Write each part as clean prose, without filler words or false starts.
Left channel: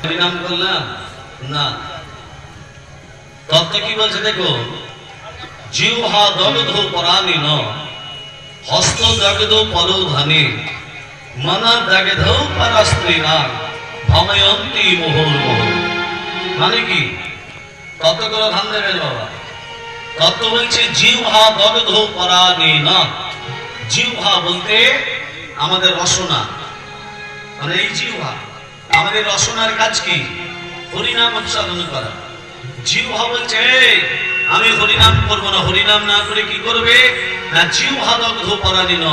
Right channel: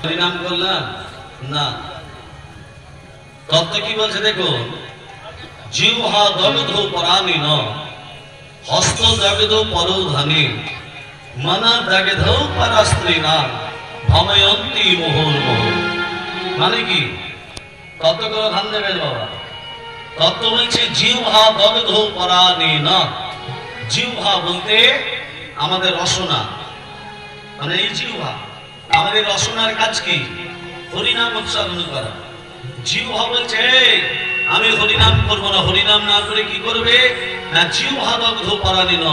হরিনাম করলাম না, তত্ত্ব কি বলছে দেখো, জিহ্বা দগ্ধ পরাণিন হস্ত দগ্ধ পরোধানে মনা দগ্ধ পরস্ত্রীণা ভময়ন্তি মুহুর্মুহু। মানে কি তত্ত্ব করে ধ্যান দেবেন বাবা। তত্ত্ব বলছে জিহ্বা দগ্ধ পরাণিন। জিহ্বা বলতে আমাদের রসনা, মানে এই জিহ্বা আমাদের রসনার কাজ কি? হরিনাম উচ্চারণ করা। জিহ্বা বলছে আমি হরিনাম করব না, হরিনাম না করে কি করবে না, জিহ্বা দগ্ধ পরাণিন,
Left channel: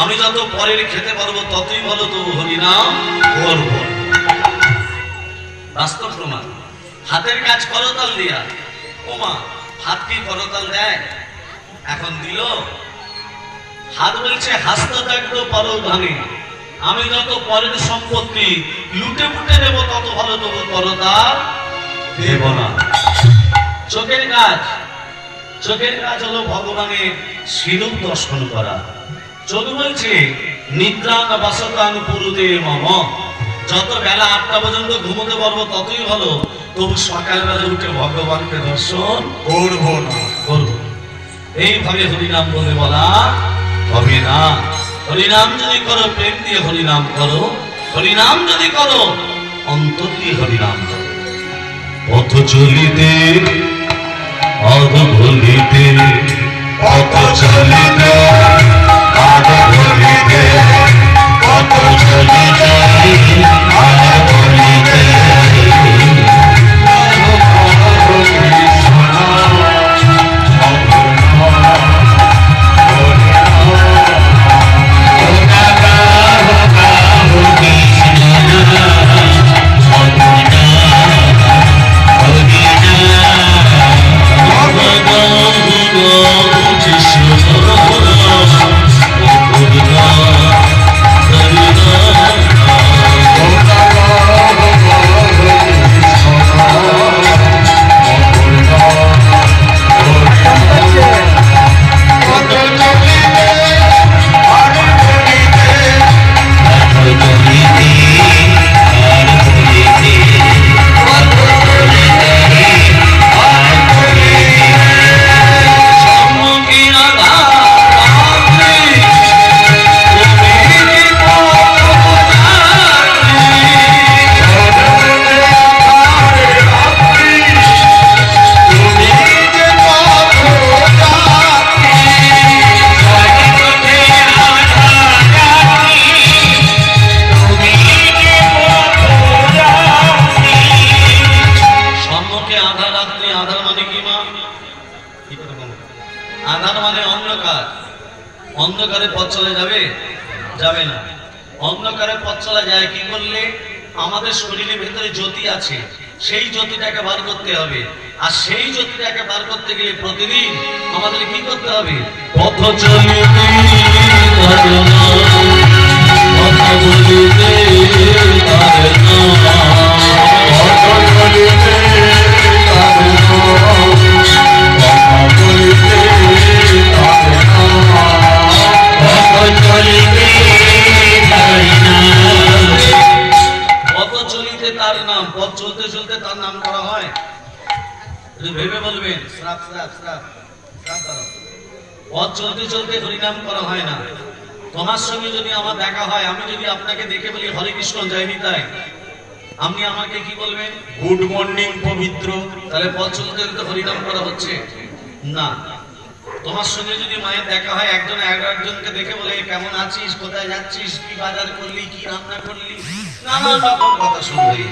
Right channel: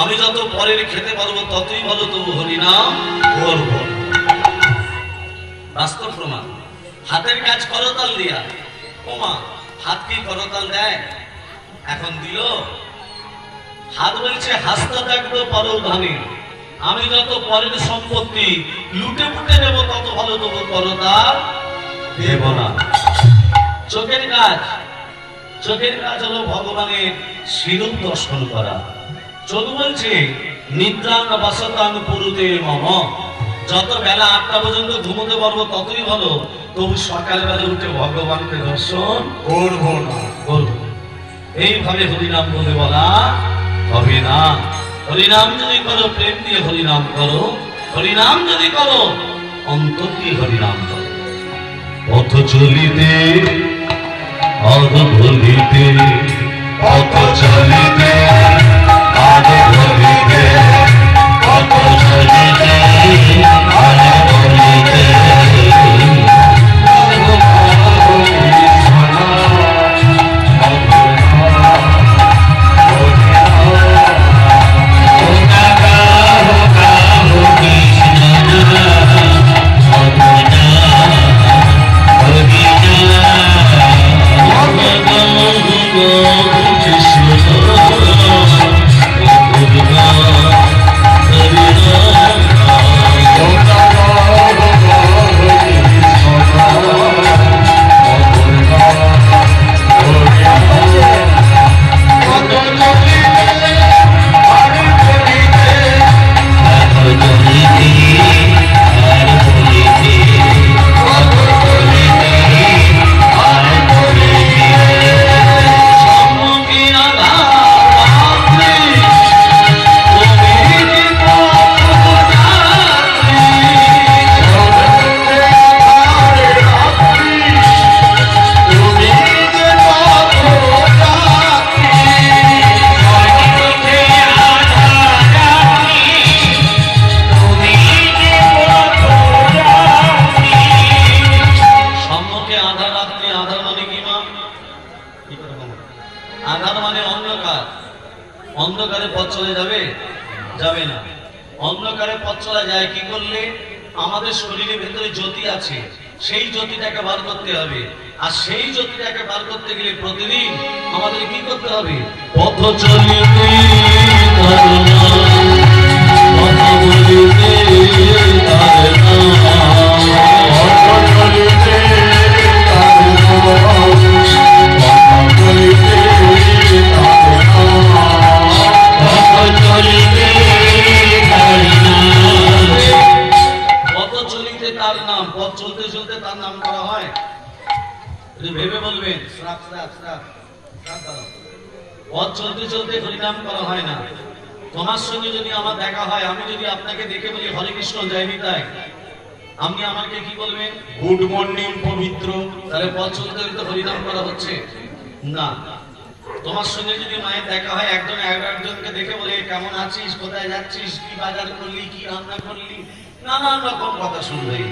আমি যত পরের খেতে পারবো ততই ভালো, তবু হরিনাম করব। বাস্তব প্রমাণ। হাতের কাজ করতাল দিয়া, ওমা হাত কি করতাল দেয়? এখন দিল। হাত বলছে হাস্ত দগ্ধ পরোধানে, আমি যত পরের সম্পত্তি লুটে পুটে নেব তত ভালো, তবু করতাল দেব না। চোখের কাজ, চোখের কাজ হলো ভগবানের স্বরূপ দর্শন করা। চোখ বলছে নিদ্রাং বাসতাং পুরুতে মম, যত বেলা 8টা পর্যন্ত ঘুমোতে পারবো ততই ভালো, তবু সকালবেলা উঠে ভগবানকে দর্শন করব না, করব। এইভাবে হরিনাম বলে বলা হবে না। হরিনাম যদি করো প্রেম দিয়ে হরিনাম করো, হরিনাম যদি করো অন্তর দিয়ে হরিনাম করো। পথ চলিতে আদ ভুলিতে, পথ চলিতে আদ ভুলিতে, পথ চলিতে আদ ভুলিতে, আধার মানে অন্ধকার। অন্ধকারে পথ চলে যাবে? যাবে না। অন্ধকারে পথ চলা যায় কি করলে? আমাদের শরীরের ভেতরে জ্যোতি আছে, সেই জ্যোতিটাকে বার করতে হবে। আর সেই জ্যোতিটাকে বার করতে গেলে প্রতিদিন আমাদের কি করতে হবে? পথ চলিতে পথ বলিতে তার নাম, পথ চলতে চলতে তার নাম করা হয়। ভেবে বলবেন শ্রাপ শ্রাপ শ্রাপ শ্রাপ। পথ চলতে চলতে হরিনাম করা হয় না। তোমার সঙ্গে যদি আমার দেখা হয়, আমি যদি আপনাকে দেখে বলি হরে কৃষ্ণ জয় নিতাই, আপনি আমাকে কি বলবেন? গুড মর্নিং পবিত্র। তাহলে পথ চলতে চলতে হরিনাম করা হচ্ছে না। তোমার সঙ্গে যদি মায়ের দেখা হয়, একজন একজনকে দেখে বলে কেমন আছিস, কোথায় যাচ্ছিস, কি বাজার করলি, কি রান্না করলি, নানান রকম কথা শুনবে।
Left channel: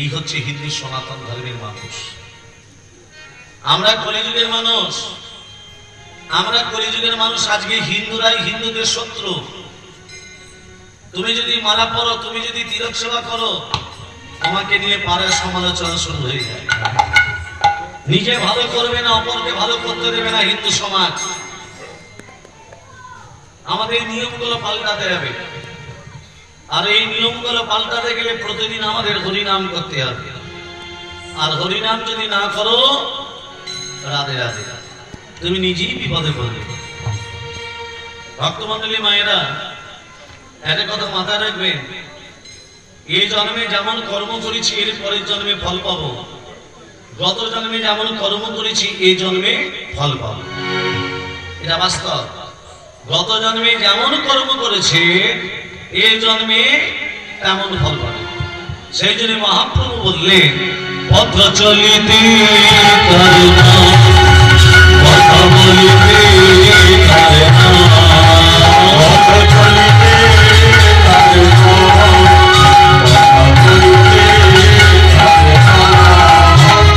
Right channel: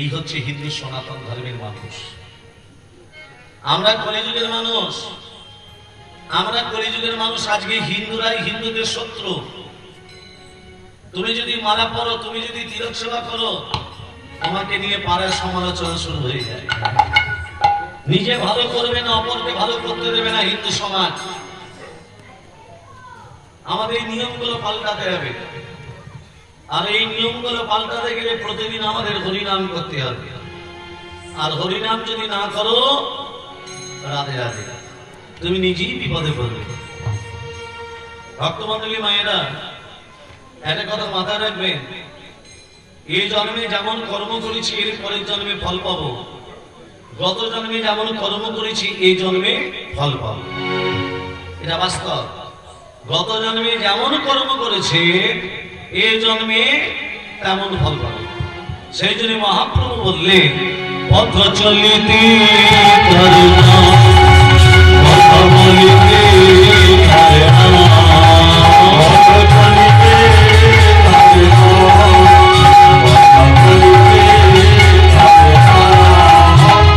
এই হচ্ছে হিন্দু সনাতন ধর্মের মানুষ। আমরা কলিযুগের মানুষ, আমরা কলিযুগের মানুষ। আজকে হিন্দুরাই হিন্দুদের শত্রু। তুমি যদি মালা পড়ো, তুমি যদি তিলক সেবা করো, তোমাকে নিয়ে পাড়ায় সমালোচনা শুরু হয়ে যায়। নিজে ভালো করবে না, অপরকে ভালো করতে দেবে না হিন্দু সমাজ। আমাদের নিয়মগুলো পাল্টাতে হবে। আর এই নিয়মগুলো পাল্টাতে গেলে প্রতিদিন আমাদের হরিনাম করতে হবে। আর হরিনাম যদি না করো, রাধে রাধে, তুমি নিজেই বিপদে পড়বে। ভক্তমণ্ডলী মায়েরা, একটা কথা মাথায় রাখবেন, এই জন্মে যেমন কর্ম করেছি এর পরের জন্মে ফল পাবো, গত জন্মে যেমন কর্ম করেছি এই জন্মে ফল পাবো, এটা বাস্তব। গত জন্মে যেমন কর্ম করেছে এই জন্মে তেমন ফল পাবে। সেই জন্য মহাপ্রভু বললেন, পথ চলিতে করুণা, কথা বলিতে করুণা, পথ চলিতে করুণা, কথা বলিতে করুণা,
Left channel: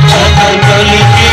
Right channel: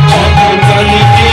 পথ চলিতে করুণা, কথা বলিতে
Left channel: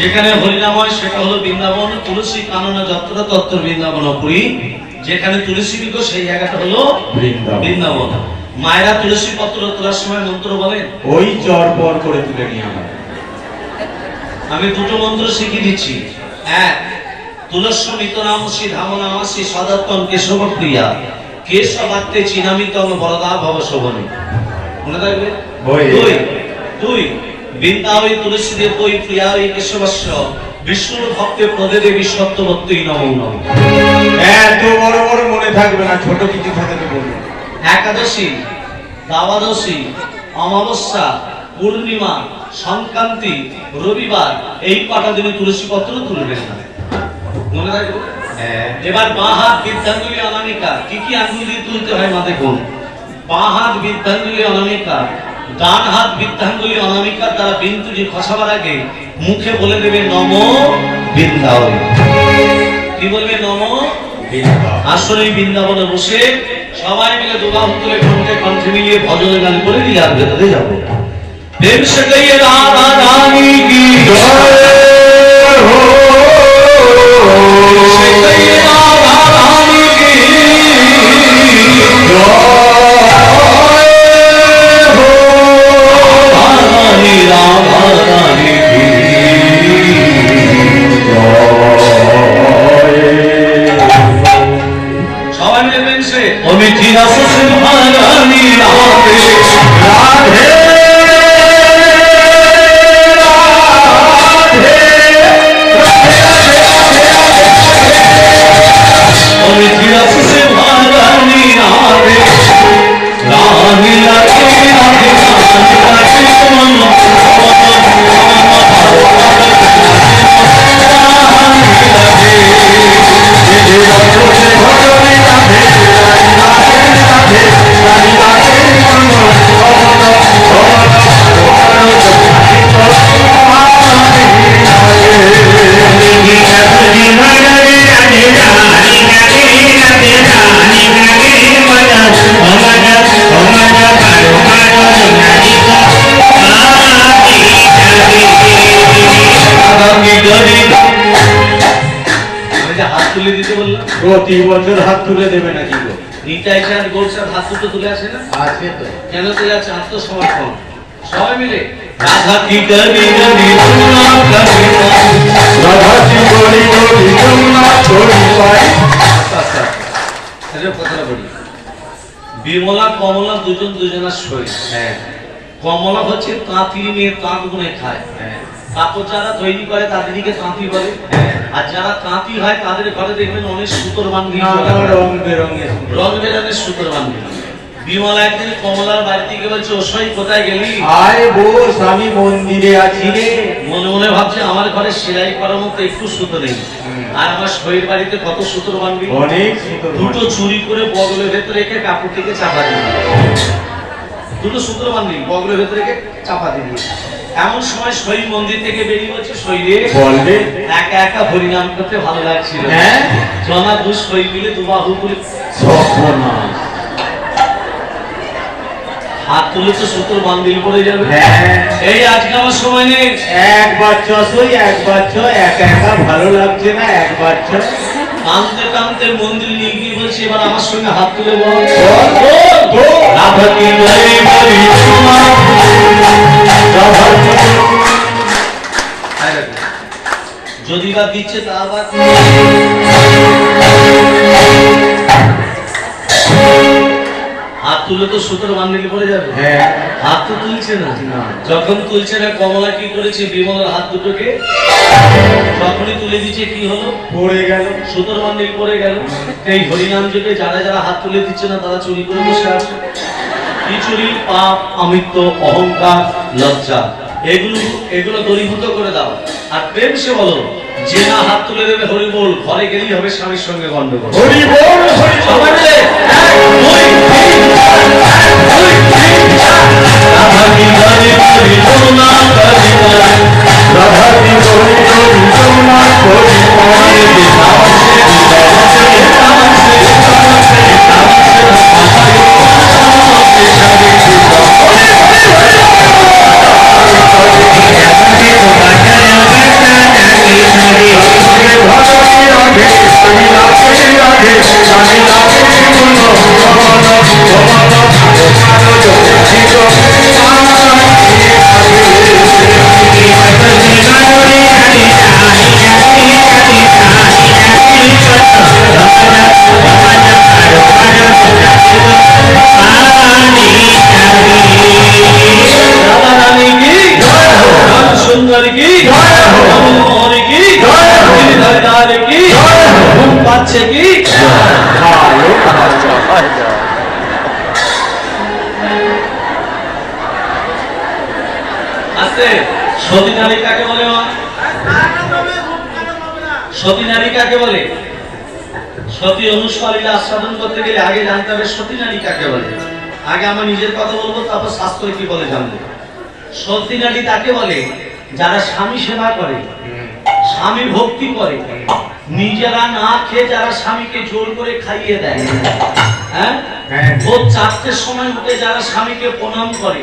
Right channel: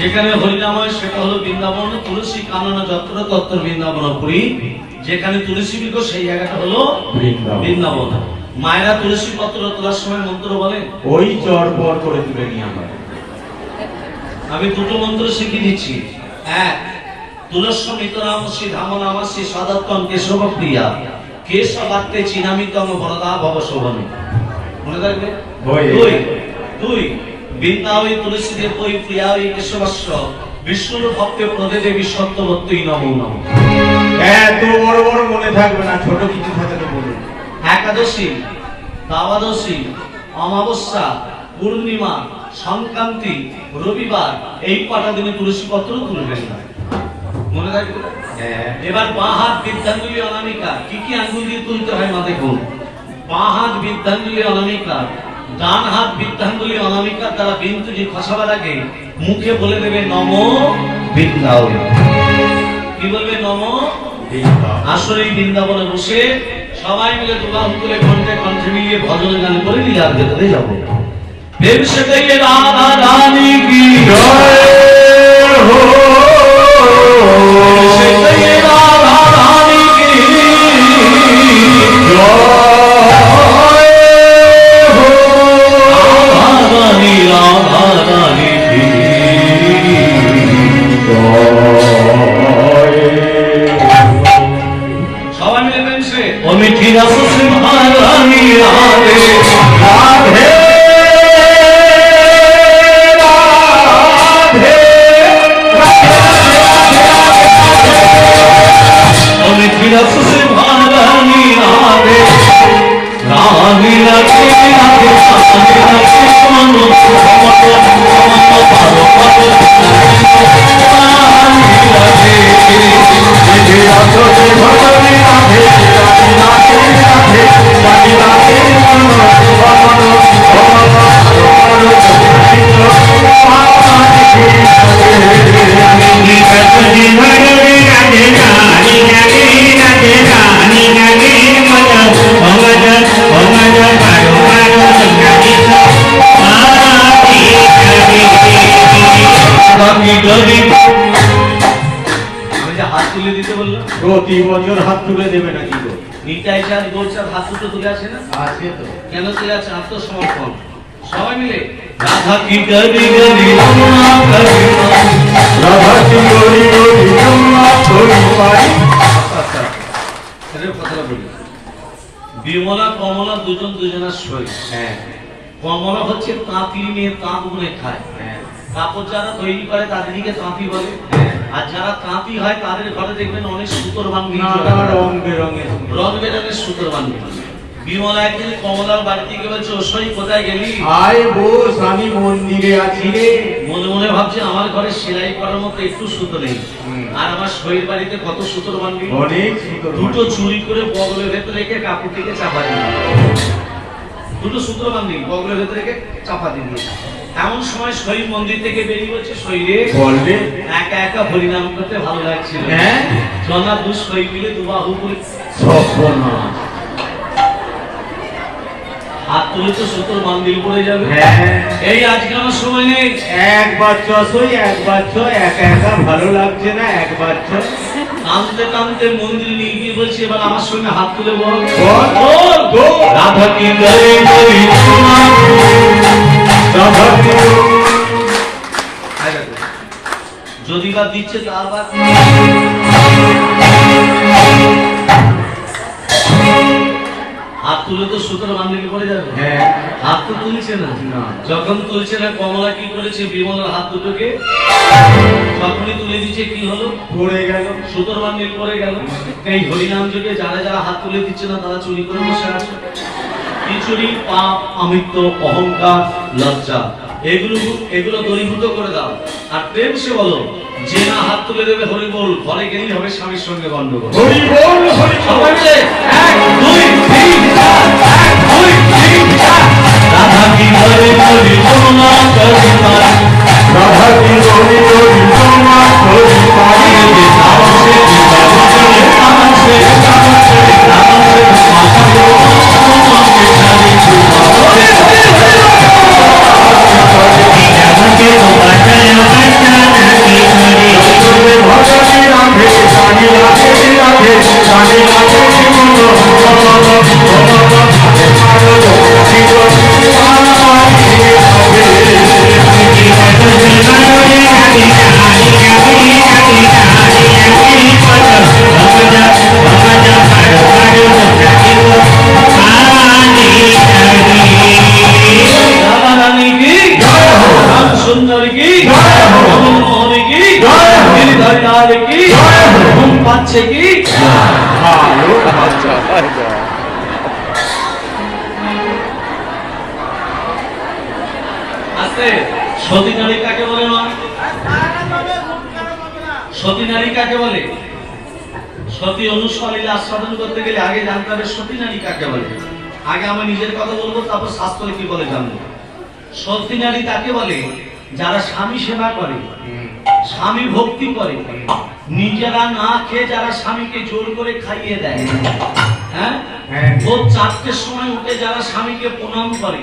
যেখানে হরিনাময় সেটা হলো বৃন্দাবন, তুলসী কাননা যত্র তত্র বৃন্দাবনপুরী। যেখানে তুলসী বৃক্ষ সেই জায়গাটা হলো বৃন্দাবন। মায়েরা তুলসী পত্র তোলার সময় মন্ত্র বলেন, ওই চর পর করে তুলে নিয়ে আমার। আমি দুটো মন্ত্র শিখিয়ে দিচ্ছি। এক, তুলস্মিত নামসি ধামনামাসি সদত্তম কেশব প্রিয়া কেশবাত্তে চিনামিতম বরদা ভব শোভনী। মনে থাকবে? দুই, বৃন্দাবৈ তুলসী দেব ওই প্রিয়া ওই কেশবস্য বিষ্ণুর ভক্তে প্রদে দেবী সত্যবত্যই নমো নমঃ। এত বড় বড় মনে থাকবে না, ছোট কিছু থাকতে বলুন। একাদশী, দ্বাদশী, অমাবস্যা, পূর্ণিমা, সংক্রান্তি, রবিবার এই কটা দিনে তুলসী পত্র তুলবেন না। মনে রাখবে? এবার বাঁ হাত বৃদ্ধাঞ্জলি অনামিকা। কি কি আঙ্গুল দিয়ে তুলতে হয় মা দেখুন। বাঁ হাত বৃদ্ধাঞ্জলি অনামিকা, ডান হাত বৃদ্ধাঙ্গুলি অনামিকার দ্বারা বিন্দুটি খসাবার আগে মুখে বলে দেবে নমো বৃন্দাবন। কি বলবে? নমো বৃন্দাবন। আসলে বৃন্দাবনে বসে সবাই মিলে দুবাহু তুলে কণ্ঠে কণ্ঠে মিলিয়ে ভজন গান করে দিলে আর ভেতরে যাবো। प्रेम से कहिए राधा रानी की জয় হো प्रेम से कहिए राधा रानी की राधा रानी की सबाई मिले प्रेम से ओ मिठी रस सिंहारानी राधे রাধে मिठी रस सिंहारानी राधे रानी लगे राधे रानी लगे मनो मनो मनो पारो पारो रानी लगे ভজনে ভজনে রাধে রাধে রাধে রাধে রাধে মন মন হাত তুলে দিতে বললাম প্রতি বছর হাত তুলে দেবে নাকি গো? নিতাই চাঁদ গোলচাঁদ হাত দুটো তুলে আসে না আছে তো কেন তুলে আছে আত্মসমর্পণ সবাই মিলে রাধা কি করি গরি রমনা করি রাধাজি গরি গরি যমুনা গরি পাই কথাটা বলি বিমলা কমলা দুজন দুজনের শরীর হ্যাঁ কমলা হচ্ছে তাঁতি নিয়ে তাঁত বুনে খায় হ্যাঁ কাপড় যারা তৈরি করে তাদেরকে তাঁতি বলে আর যারা তাঁতি হয় তাদের ঘরে দেখবেন অনেক সুতোর বান্ধি রং বেরঙের রং বেরঙের সুতোর বান্ধি বিমলা একদিন কমলার বাড়ি থেকে বলছে ওসই কোথায় গেলি আয় বস আমি মন্দিরে আছি রে মনে মনে ভাবছে আমার ঘরে সেলাই করার মতো একটু সুতো নেই আর আমার শরীর বাড়িতে কত সুতোর বান্ধি অনেক সুন্দর দুটো চুরি করে বগলের ভেতরে রেখে কাপড়টিকে চাপা দিয়ে দুটো সুতোর বান্ধি বগলের ভেতরে রেখে চাপা দিয়ে এমন সময় শরীর মন্দির থেকে বেরিয়ে হচ্ছে শরীরে বলবে একা একা হরিনাম করতে ভালো লাগছিল হ্যাঁ জনা দু শরীর মিলে দুবাহু করে সর্বনাশ হাত তুলে তো সুতোর বান্দিল পড়ে যাবে হ্যাঁ এই আজকে আমার সময় নেই একবার চসই একবার চ একা একা ভালো লাগছে না একবার চ কানতে কানতে মন্দির নিয়ে গিয়ে বলছি এবার আমার সঙ্গে হাত তুলে বল রাধা কি গরি গরি রাধা কি যদি বা দিচ্ছে তা আবার হাত তুলে তো সুতোর বান্দিল পড়ে যাবে হ্যাঁ হাত তো তুলছে না না। যখন তুলছে না কমলা কি করেছে বিমলার হাত দুটোকে যখনই তুলে দিচ্ছে কি হলো পড়ে গেল সুতোর বান্দিল পড়ে গেল এই হরিনাম যুগে যারা যারা হাত তুলে দিচ্ছে না তারা চুরি করে বসে আছে কি চুরি পাপ অমিত্ব অহংকার লজ্জা এগুলো এগুলো দূরীভূত করে দাও আর প্রেম সে বলো যে না হাত তুলে দেবে হরি বল ঘরে গেলেই হবে স্বামীর সঙ্গে গন্ডগোল হরি বল হরি সবাই মিলে 1 2 3 4 1 2 3 4 রাধা কি গরি গরি যমুনা গরি পাই রাধা কি গরি গরি যমুনা গরি পাই সতী নারী কাকে বলে মা? সতী নারী কাকে বলে? সতী অনুষ্কালীলা আস্বাদন করতে গেলে আগে জানতে হবে সতী নারী কাকে বলে। আগে আমার নিজের কথা বলবো, তারপর শাস্ত্র কি বলে জানবো। সতী নারী তাকে বলে যারা স্বামী সেবা করে, স্বামী ভক্তি করে, নিজেরা না খেয়ে যারা স্বামীকে জোর করে খাইয়ে দেয়। হ্যাঁ, ভোর 4টের সময় উঠে যারা স্বামীকে প্রণাম করে,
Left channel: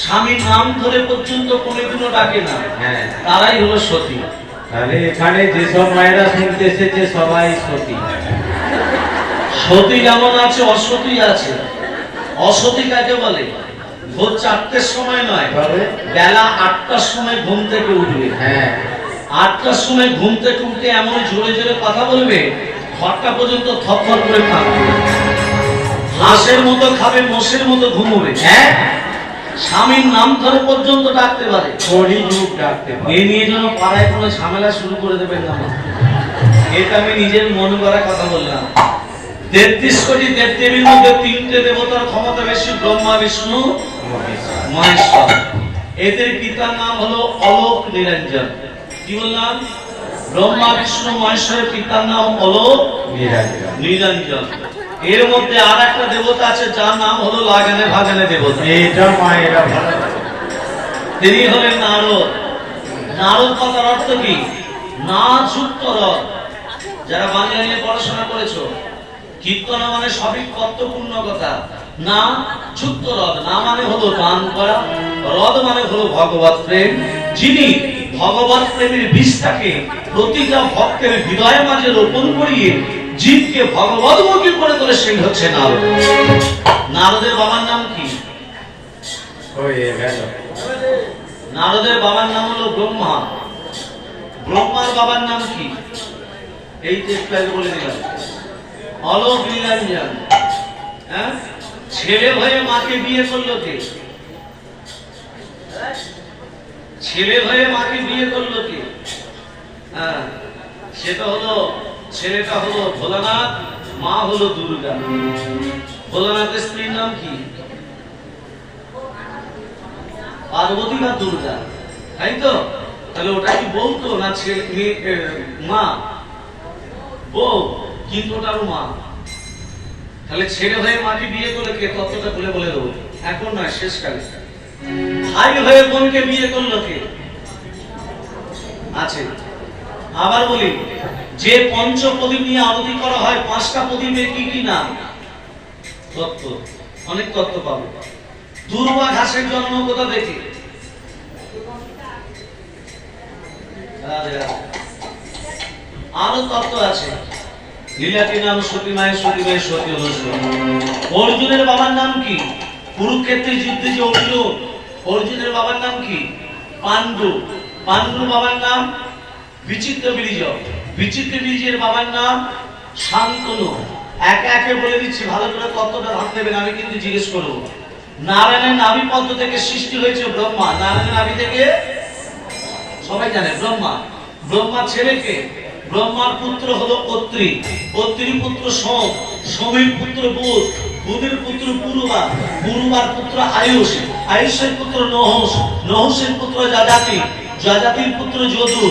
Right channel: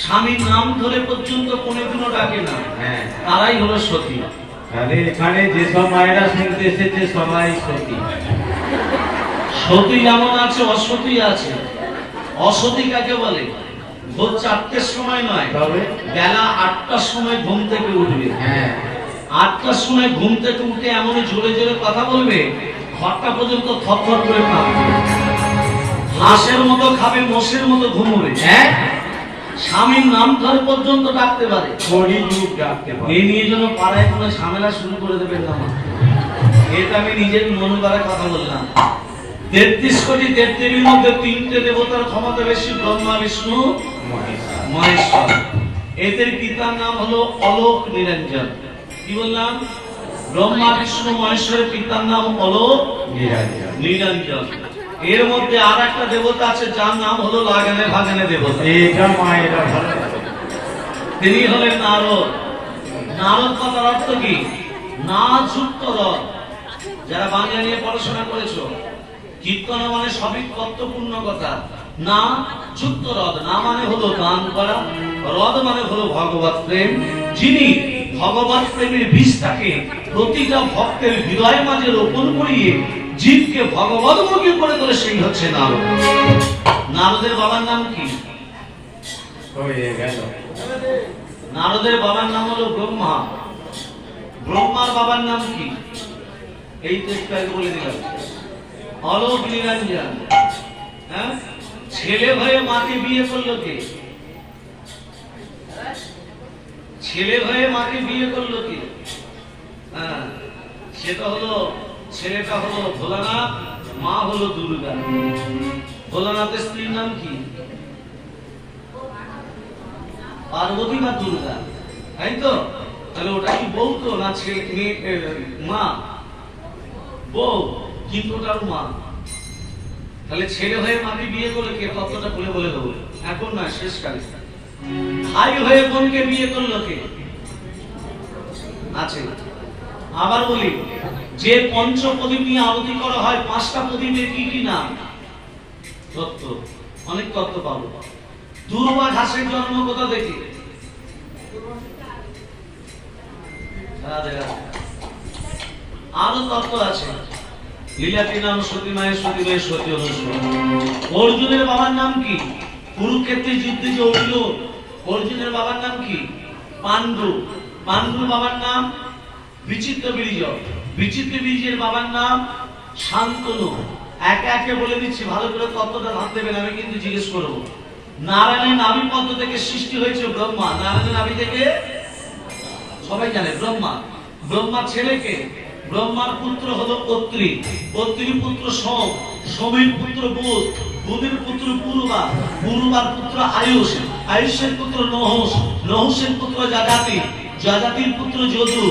স্বামীর নাম ধরে পর্যন্ত কোনোদিনও ডাকে না, হ্যাঁ তারাই হলো সতী। আরে এখানে যেসব মায়েরা শুনতে এসেছে সবাই সতী। সতী যেমন আছে অসতী আছে। অসতী কাকে বলে? ভোর 4টের সময় নয়, তবে বেলা 8টার সময় ঘুম থেকে উঠবে। হ্যাঁ 8টার সময় ঘুম থেকে উঠে এমন জোরে জোরে কথা বলবে, ঘরটা পর্যন্ত থরথর করে কাঁপবে। হাঁসের মতো খাবে, মোষের মতো ঘুমোবে। হ্যাঁ স্বামীর নাম ধরে পর্যন্ত ডাকতে পারে। কলিযুগ ডাকতে পারে। এই নিয়ে যেন পাড়ায় কোনো ঝামেলা শুরু করে দেবেন না। এটা আমি নিজের মন করা কথা বললাম। 33 কোটি দেবদেবীর মধ্যে 3টে দেবতার ক্ষমতা বেশি, ব্রহ্মা, বিষ্ণু, মহেশ্বর। এদের পিতার নাম হলো অলোক নিরঞ্জন। কি বললাম? ব্রহ্মা, বিষ্ণু, মহেশ্বরের পিতার নাম অলোক নিরঞ্জন। এর মধ্যে আর একটা দেবতা আছে যার নাম হলো লাগানে ভাগানে দেবতা। এটা মায়েরা ভালো। তিনি হলেন নারদ। নারদ কথার অর্থ কি? না যুক্ত রথ। যারা বাংলা নিয়ে পড়াশোনা করেছো, কীর্তনা মানে সবই তত্ত্বপূর্ণ কথা। না যুক্ত রথ, না মানে হলো দান করা, রথ মানে হলো ভগবত প্রেম। যিনি ভগবত প্রেমের বীজটাকে প্রতিটা ভক্তের হৃদয়ের মাঝে রোপণ করিয়ে জীবকে ভগবতমুখী করে তোলে, সেই হচ্ছে নারদ। নারদের বাবার নাম কি? হয়ে গেল। নারদের বাবার নাম হলো ব্রহ্মা। ব্রহ্মার বাবার নাম কি? এই তো একটু আগে বলে দিলাম, অলোক নিরঞ্জন। হ্যাঁ, ছেলে হয়ে মাকে বিয়ে করলো কে? ছেলে হয়ে মাকে বিয়ে করলো কে? হ্যাঁ, সেটা হলো, ছেলেটা হলো ভোলানাথ, মা হলো দুর্গা। ভোলানাথের স্ত্রীর নাম কি? পার্বতী বা দুর্গা, তাই তো? তাহলে ওটা কি বলতো না ছেলে মা? বউ, কিন্তু ওটার মা। তাহলে ছেলে হয়ে মাকে বিয়ে করলে কে? তত্ত্বটা বলে বলে দেবো, এখন নয়, শেষকালে। ভাই হয়ে বোনকে বিয়ে করলো কে? আছে। আবার বলি, যে পঞ্চ প্রদীপ নিয়ে আরতি করা হয়, 5টা প্রদীপের কি কি নাম? তত্ত্ব, অনেক তত্ত্ব পাবো। দুর্বা ঘাসের জন্ম কোথা থেকে? আরো তত্ত্ব আছে। লীলাটি নাম সতীমায়, সতীমায় সতী অর্জুন। অর্জুনের বাবার নাম কি? কুরুক্ষেত্রের যুদ্ধে যে অর্জুন, অর্জুনের বাবার নাম কি? পাণ্ডু। পাণ্ডুর বাবার নাম বিচিত্র বীর্য। বিচিত্র বীর্যের বাবার নাম শান্তনু। একে একে বলে দিচ্ছি, ভালো করে তত্ত্বটা ভাবতে দেবেন, আমি কিন্তু জিজ্ঞেস করবো। নারায়ণের নাভি পদ্ম থেকে সৃষ্টি হয়েছে ব্রহ্মা। নারায়ণের নাভি থেকে সবাই জানে ব্রহ্মা। ব্রহ্মার ছেলেকে, ব্রহ্মার পুত্র হলো অত্রি, অত্রির পুত্র সোম, সোমের পুত্র বুধ, বুধের পুত্র পুরুবা, পুরুবার পুত্র আয়ুষ, আয়ুষের পুত্র নহস, নহসের পুত্র যাজাতি, যাজাতির পুত্র যদু,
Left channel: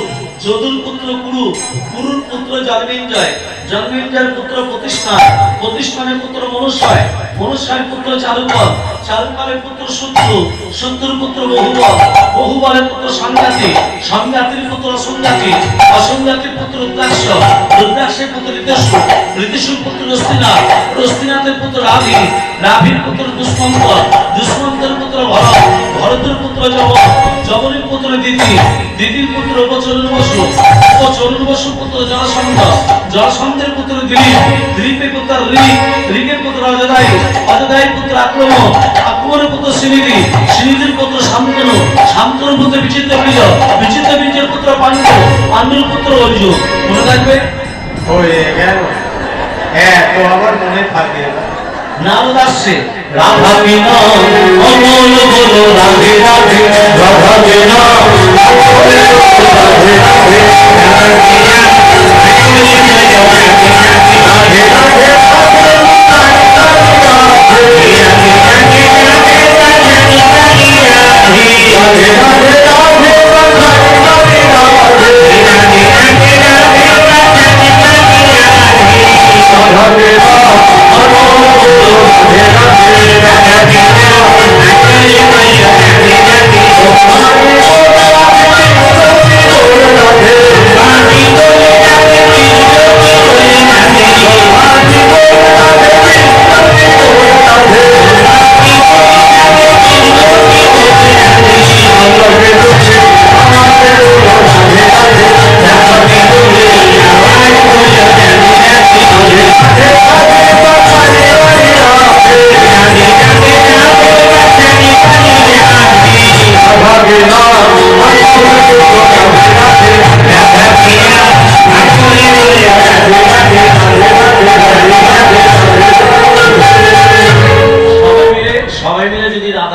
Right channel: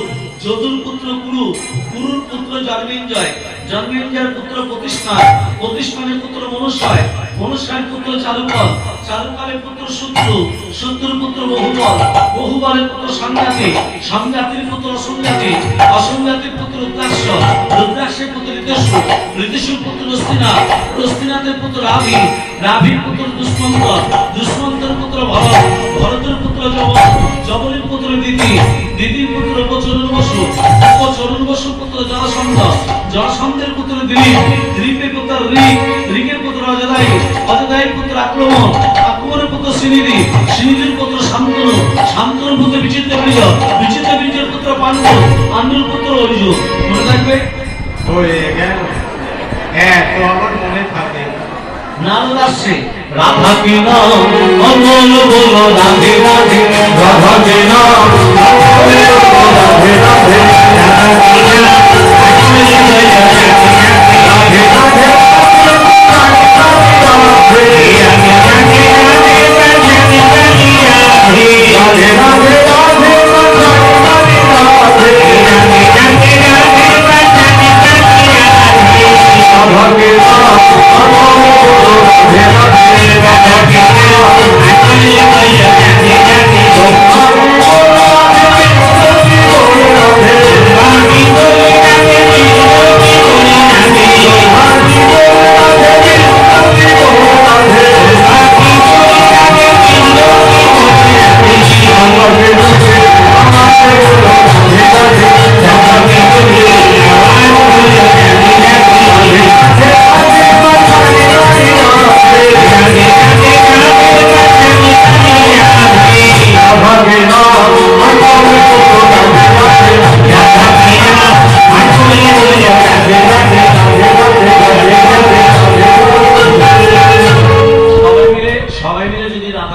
যদুর পুত্র কুরু, কুরুর পুত্র জন্মেঞ্জয়, জন্মেঞ্জয়ের পুত্র প্রতিষ্ঠান, প্রতিষ্ঠানের পুত্র মনুষ্যয়, মনুষ্যের পুত্র চারুকল, চারুকলের পুত্র শত্রু, শত্রুর পুত্র বহুবল, বহুবলের পুত্র সংজাতি, সংজাতির পুত্র অসংজাতি, অসংজাতির পুত্র রুদ্রাক্ষ, রুদ্রাক্ষের পুত্র ঋতেশু, ঋতেশুর পুত্র রস্তিনাথ, রস্তিনাথের পুত্র রাভি, রাভির পুত্র দুষ্মন্ত, দুষ্মন্তের পুত্র ভরত, ভরতের পুত্র যবন, যবনের পুত্র দিতি, দিদির পুত্র উপচরণ বসু, উপচরণ বসু পুত্র জরাসন্ধ, জরাসন্ধের পুত্র দিলীপ, দিলীপের পুত্র ঋক, ঋকের পুত্র অজদায়ু, অজদায়ুর পুত্র আক্রমণ, আক্রমণের পুত্র সিনিধি, সিনিধির পুত্র শান্তনু, শান্তনুর পুত্র বিচিত্র বীর্য, বিচিত্র বীর্যের পুত্র পাণ্ডু, পাণ্ডুর পুত্র অর্জুন। মনে থাকবে? হয়ে গেল। তো আমার মনে থাকে। নারদ আসছে, রাধা কি নাম অমল বলো, রাধে রাধে, রাধা কি নাম অমল বলো, রাধে রাধে, রাধে রাধে,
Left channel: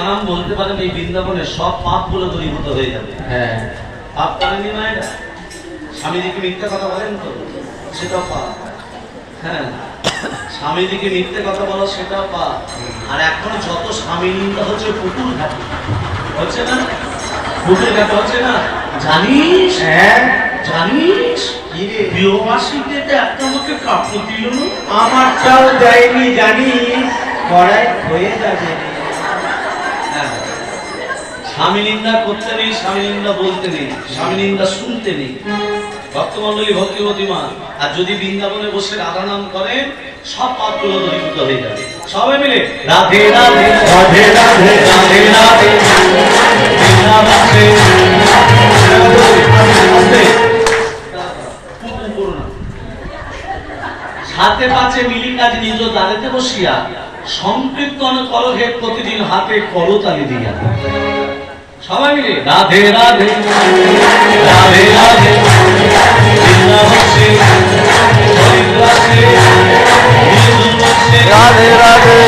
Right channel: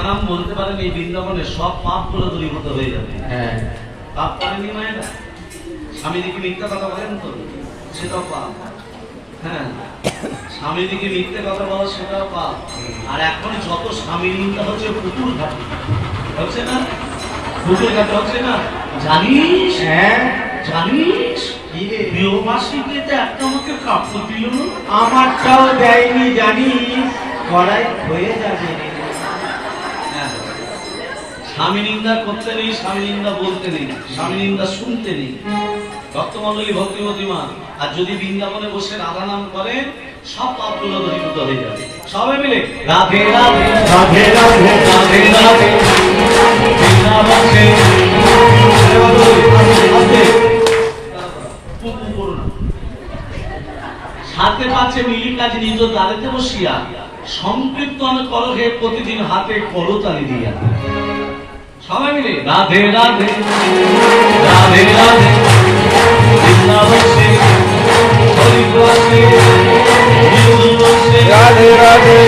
নাম বলতে পারেন এই বৃন্দাবনে সব পাপগুলো দূরীভূত হয়ে যাবে। হ্যাঁ পাপ করেনি না এটা? স্বামী দিকে মিথ্যা কথা বলেন তো, সেটাও পাপ। হ্যাঁ, স্বামী দিকে মিথ্যে কথা বলো সেটাও পাপ। আর এখন যত স্বামী নিন্দা হচ্ছে পুতুল ঘাটি হচ্ছে না, পুতুল ঘাটি হচ্ছে না, জানিস? হ্যাঁ জানিস কি রে? বিবাসীতে একটা আমাকে কাপড় দিল না। আমারটাও দেয়নি জানিস, কড়াই হয়ে যাবে। হ্যাঁ, স্বামী নিন্দা করতে নেই, স্বামী নিন্দা বলতে নেই, স্বামী নিন্দা শুনতে নেই। ভক্তমণ্ডলী ভক্তিমতী মা, আর যদি বৃন্দাবনে বসে রাধা নাম করেন সব পাপগুলো দূরীভূত হয়ে যাবে। সবাই মিলে রাধে রাধে রাধে রাধে রাধে রাধে বৃন্দাবনে আস্তে, পুতু করো না। হাতে পাচ্ছে মিলি কাজ নিজ দাঁড়াতে বসিয়া সংকীর্তন করো হে প্রতিদিন হাতে করতালি দিয়া। সবাই মিলে রাধে রাধে রাধে রাধে বৃন্দাবনে হরিদ্বারে রাধে রাধে